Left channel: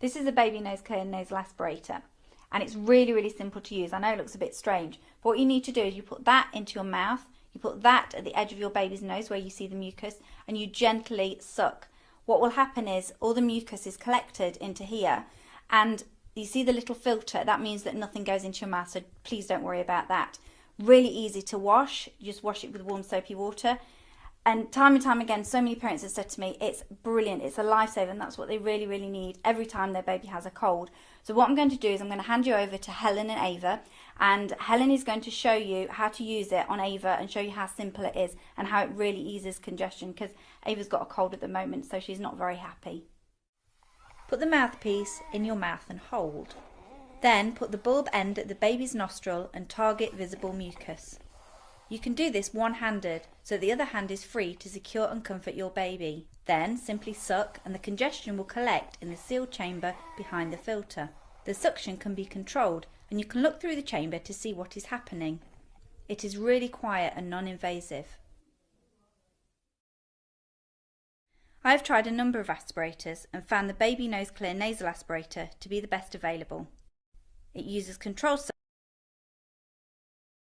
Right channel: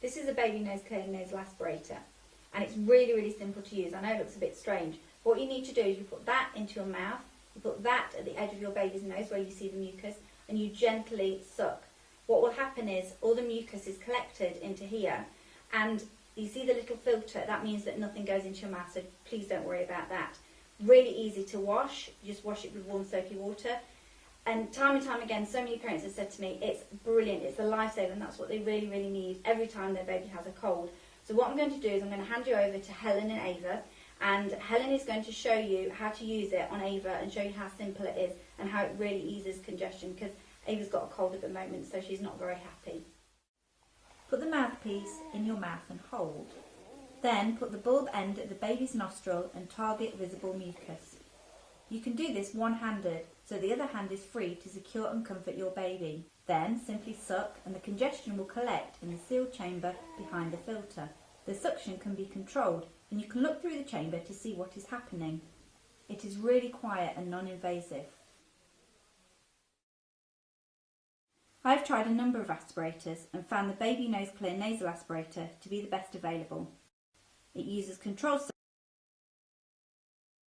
This is a baby nose clear nasal aspirator, and it's really, really simple to use. I know it looks a bit strange, but what you need to do is you put that into your mouth, you put that at the edge of your baby's nose where you see the mucus, and you gently suck. What will happen is all the mucus is collected into here, and you see the little filter. That means that nothing goes into your mouth, so please don't worry about that. Really easy to wash. You just wash it with warm soapy water. And time again, so many parents have said to me, it's brilliant, it's a lifesaver, and that's what they really, really need every time their baby has a cold. So what I'm going to do is I'm going to hand you over to Helen and Ava, and Helen is going to show you how to use it on Ava and show you how simple it is and how it really eases congestion, because Ava's got a cold at the moment, so she's not very happy. Put the mouthpiece in your mouth and hold. Then put the bulb end at the baby's nostril and target visible mucus. You can do this one-handed, so the other hand is free to secure and comfort your baby. Then simply suck and the congestion will collect in the sealed chamber behind the filter. The suction can be controlled and you can look through the chamber to see what is happening. It is really quiet and non-invasive. I have tried a number of aspirators and found the Baby Nose Clear Nasal Aspirator to be the best available. It uses controlled